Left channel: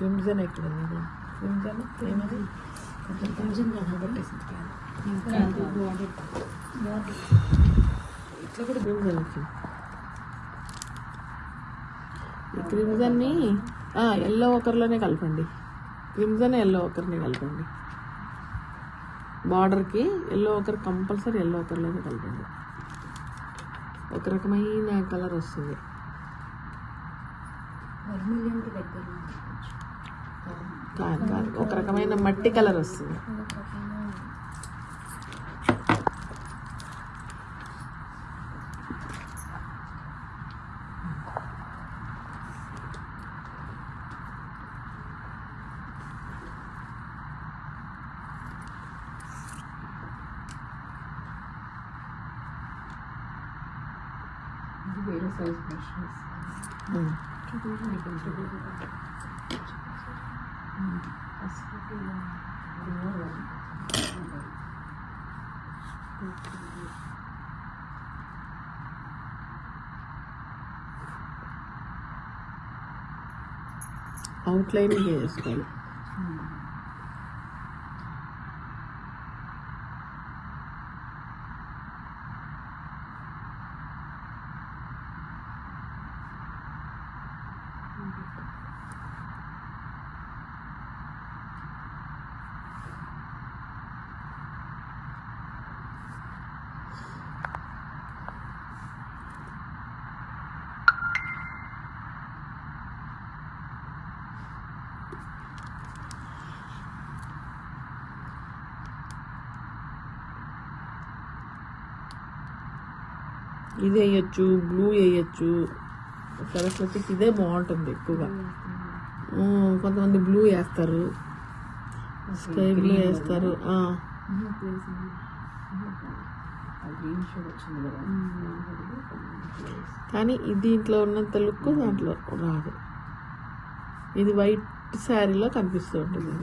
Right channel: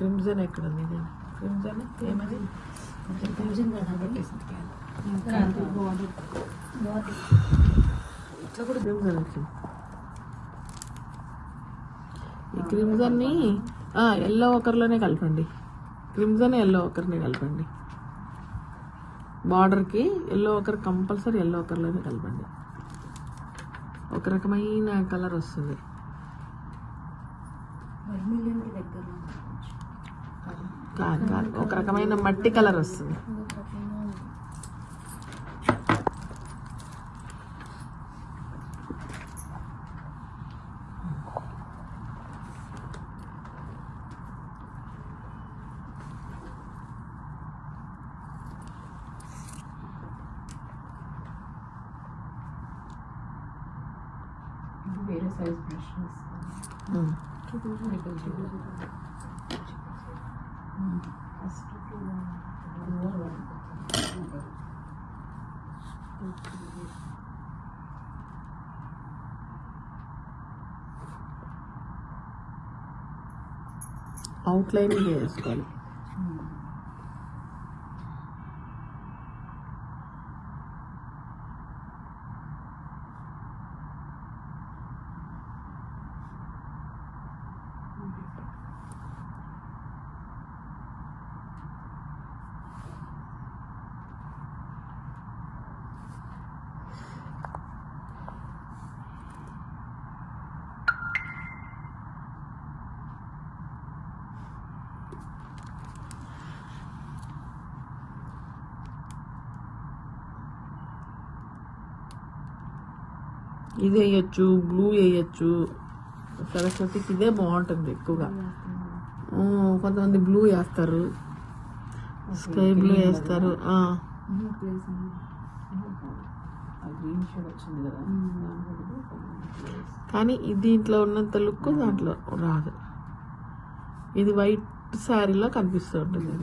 Crimson ఎక్కడ ఉంది? Crimson ఏమది? క్రిమ్జన్ కదా ఇట్లా కూడా క్రిమ్జన్ వచ్చింది. ఈ క్రిమ్జన్ని ఎల్లో ఒకరిలోనే కలపండి. క్రిమ్జన్ ఎల్లో ఒకరిని కలపండి. బార్డర్కి ఎల్లో ఒకరు కంపల్సరీ ఎల్లో ఒకరిలోనే కలపండి. ఒక రకమైన కలర్ వస్తుంది. ఒక రకమైన మట్టి కలర్ వస్తుంది. వేరే సైజ్ బ్రషెస్ అవుట్లైన్ చేసుకోవాలి. ఇది వేయచ్చు, బ్లూ వేయచ్చు. సరస్వతికి ఇదే బాగుంటుంది ఎక్కువగా. కొంతమంది బ్లూ వేస్తారు, స్కై బ్లూ వేస్తారు. కానీ దీంట్లో ఉన్నంత లుక్ దాంట్లో రాదు. ఇది వైట్ శారీలో కనిపిస్తూ ఉంటుంది.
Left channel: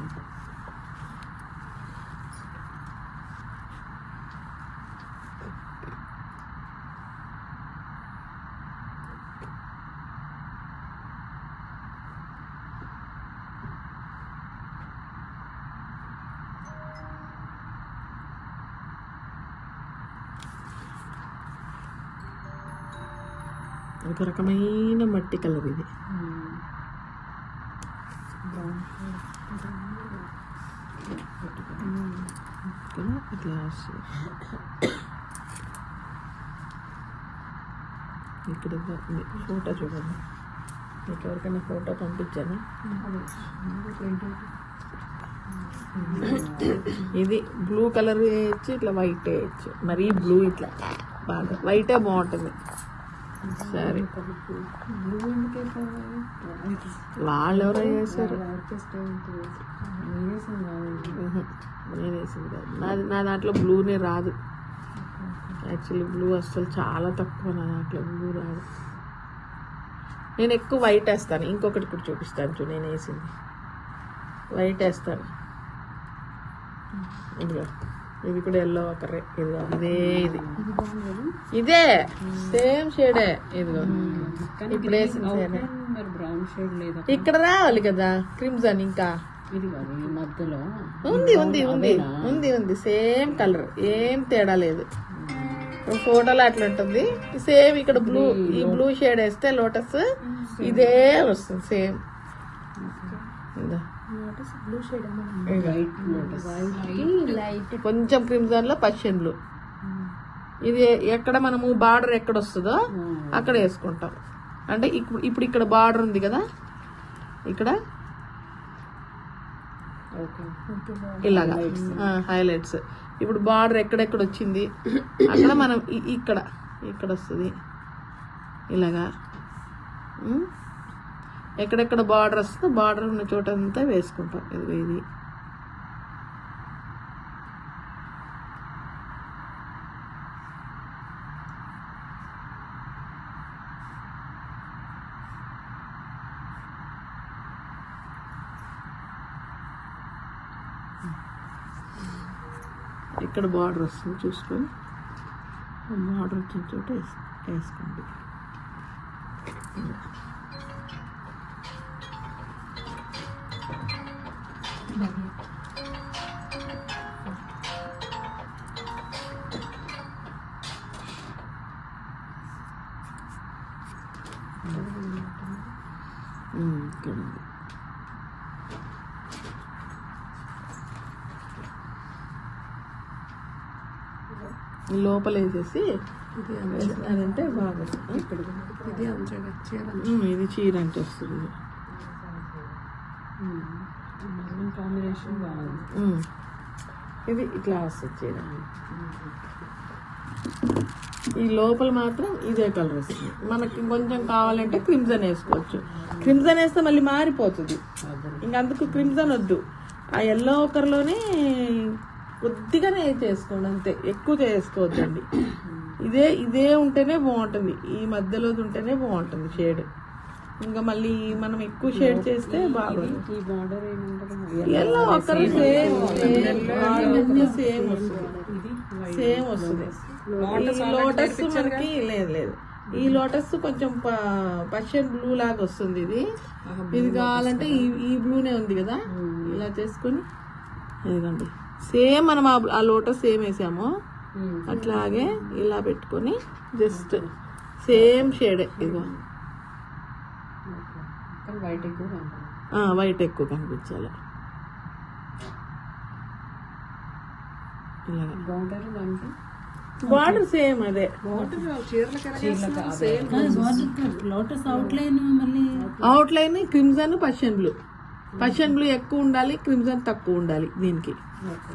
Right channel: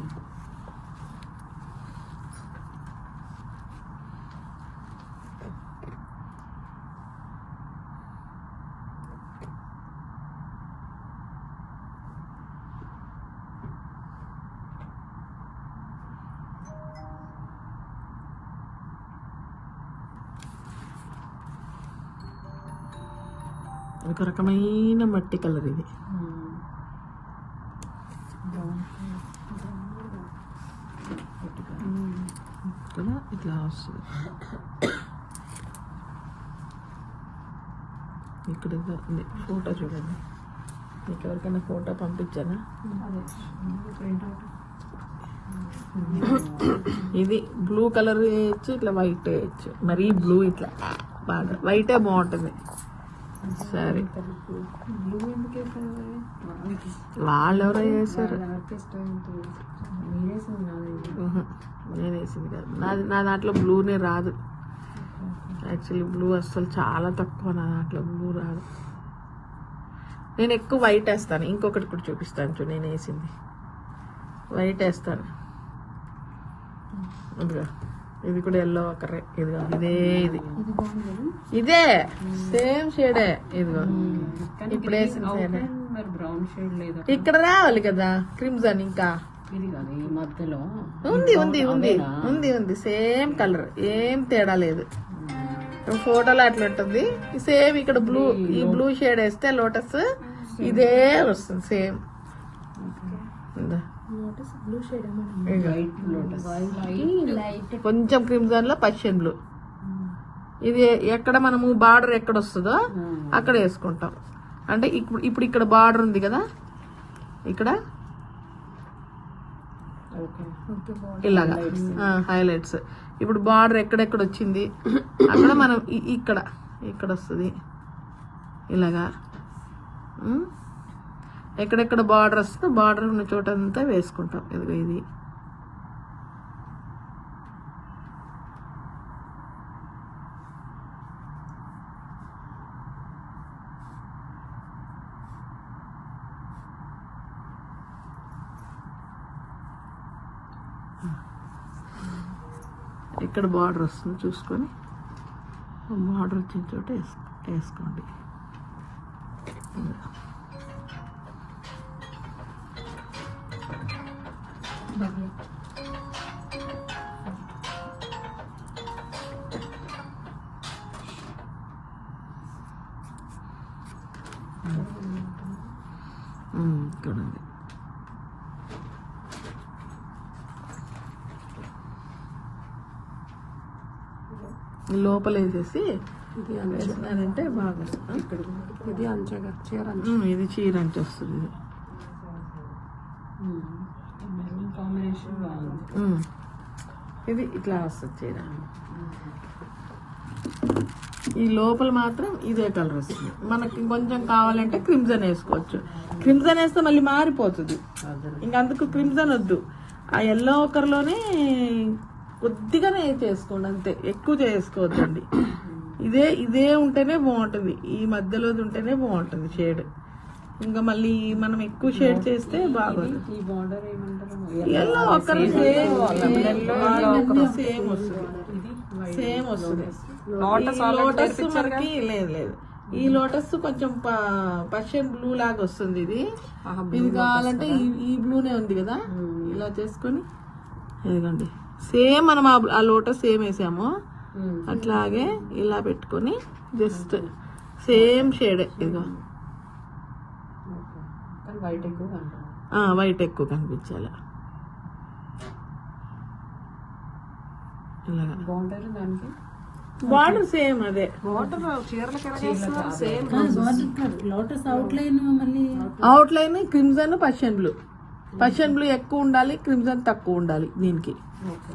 ఒక రకమైన మట్టి కలర్ ఇది. ఇట్లా వస్తుంది. ఇక్కడ ఫోటో చూడండి. మీకు ఎవరికైనా ఫోటో పంపించాను. ఇది బ్లూ కలర్ వేయచ్చు, ఇట్లా వైట్ వేయచ్చు. మరీ బ్లూ ఇట్లా వైటే బాగుంటుంది. సరే, వాళ్ళు ఎవరో చేశారు. నా దాంట్లో బ్లూనే రాదు. యాక్చువల్లీ బ్లూ అసలు చాలా తక్కువ. నా దాంట్లో బ్లూ రాదు. నేను ఎక్కువ వైట్ వేస్తాను. ఇంకొకటి ఇప్పుడు చూపిస్తాను చూ. నేను వేసింది వైట్ వేస్తాను. ఇది కూడా ఎల్లో ఒకరే. ఇదే ఇది ఇదే సేమ్ షేడే. ఇది ఇప్పుడు వేసిన షేడే. బ్రౌన్ షేడ్ లేదా? ఇక్కడ రావాలి కదా క్రిమ్సన్. ఇంకా మధ్యలో ఉంది ఉంది ఉంది ఉంది ఉంది సేమ్ కలర్, ఏం తేడా లేదు. ఫోటోలో అట్లా ఉంటుంది. సేమ్ ఇక్కడ బ్లూ, ఈ బ్లూ షేడ్ వేస్తే లోటస్ ఇదే వస్తుంది సేమ్. బ్లూ షేడ్ కొంచెం క్రిమ్సన్ లో పర్షియన్ బ్లూ. ఇది ఎక్కడ మనము బార్డర్ ఎక్కడ వస్తుందో అక్కడ వేసుకుంటాం. అంటే ఇప్పుడు ఇక్కడ బార్డర్ ఉంది కదా, ఇక్కడ ఇలా హైలైట్స్. ఇప్పుడు బార్డర్ ఎక్కడెక్కడ వచ్చింది అక్కడ మనం ఇక్కడ ఇక్కడ వస్తుంది ఇలాగా. ఎక్కడెక్కడ బార్డర్ వస్తుందో బార్డర్ ఉన్న చోట అంతా వేసుకుంటాం. ఇది ఇక్కడ బార్డర్ వస్తుంది చూసుకొని బార్డర్ వచ్చిన చోట వేసుకోండి. లోపల వేసేసి వేసినారంటే బాగా ఇక్కడ ఇది అంచగా చీర ఇది చీర అంటే వస్తుంది. కాంబినేషన్ బాగుంది. ఇది ఇట్లా వస్తుంది చీర. ఈ లోపల మాత్రం ఇదే కలర్ వస్తుంది. మనకి కొంచెం కావాలంటే క్రిమ్సన్ వేసుకోవచ్చు. క్రిమ్సన్ వేస్తే మళ్ళీ మారిపోతుంది. ఇంకందుకు క్రిమ్సన్ వద్దు. ఆ ఎల్లో కలర్లోనే కొద్దిగానే చేసుకోండి అంతే, ఎక్కువ చేసుకోవద్దండి. ఇదే ఉంటేనే బాగుంటుంది. ఈ మధ్యలో ఉంటేనే బాగుంటుంది షేడ్. ఇంకా మళ్ళీ మనం ఎక్కువ షేడ్ చేస్తే బాగుంది. ఈ బార్డర్ ఏమంటారు? సేమ్ వస్తుంది. లోటస్ మనకి లేదు. ఈ లోటస్ కొంచెం పర్షియన్ బ్లూ లాగా వస్తుంది. ఇది కావాలంటే ఈ బ్లూనే ఉంది కదా, ఇలా చేసుకొని ఇదిగోండి సేమ్ మనం ఆ లోటస్ సేమ్ వేసాము అట్లాగే ఇలా పెట్టుకొని జస్ట్ సేమ్ షేడ్. ఇది వైట్ ఎక్కువ కనపడుతుంది. వైట్ ఎక్కువ కనిపించేది. బార్డర్ దానికి బార్డర్ సేమ్ అదే. వాటర్ చీరలకి సేమ్ లోటస్ అవుట్ లైన్ మళ్ళీ outline crimson Persian blue ఎక్కువ ఉండాలి, క్రిమ్సన్ తక్కువ ఉండాలి దీనికి. ఓకే.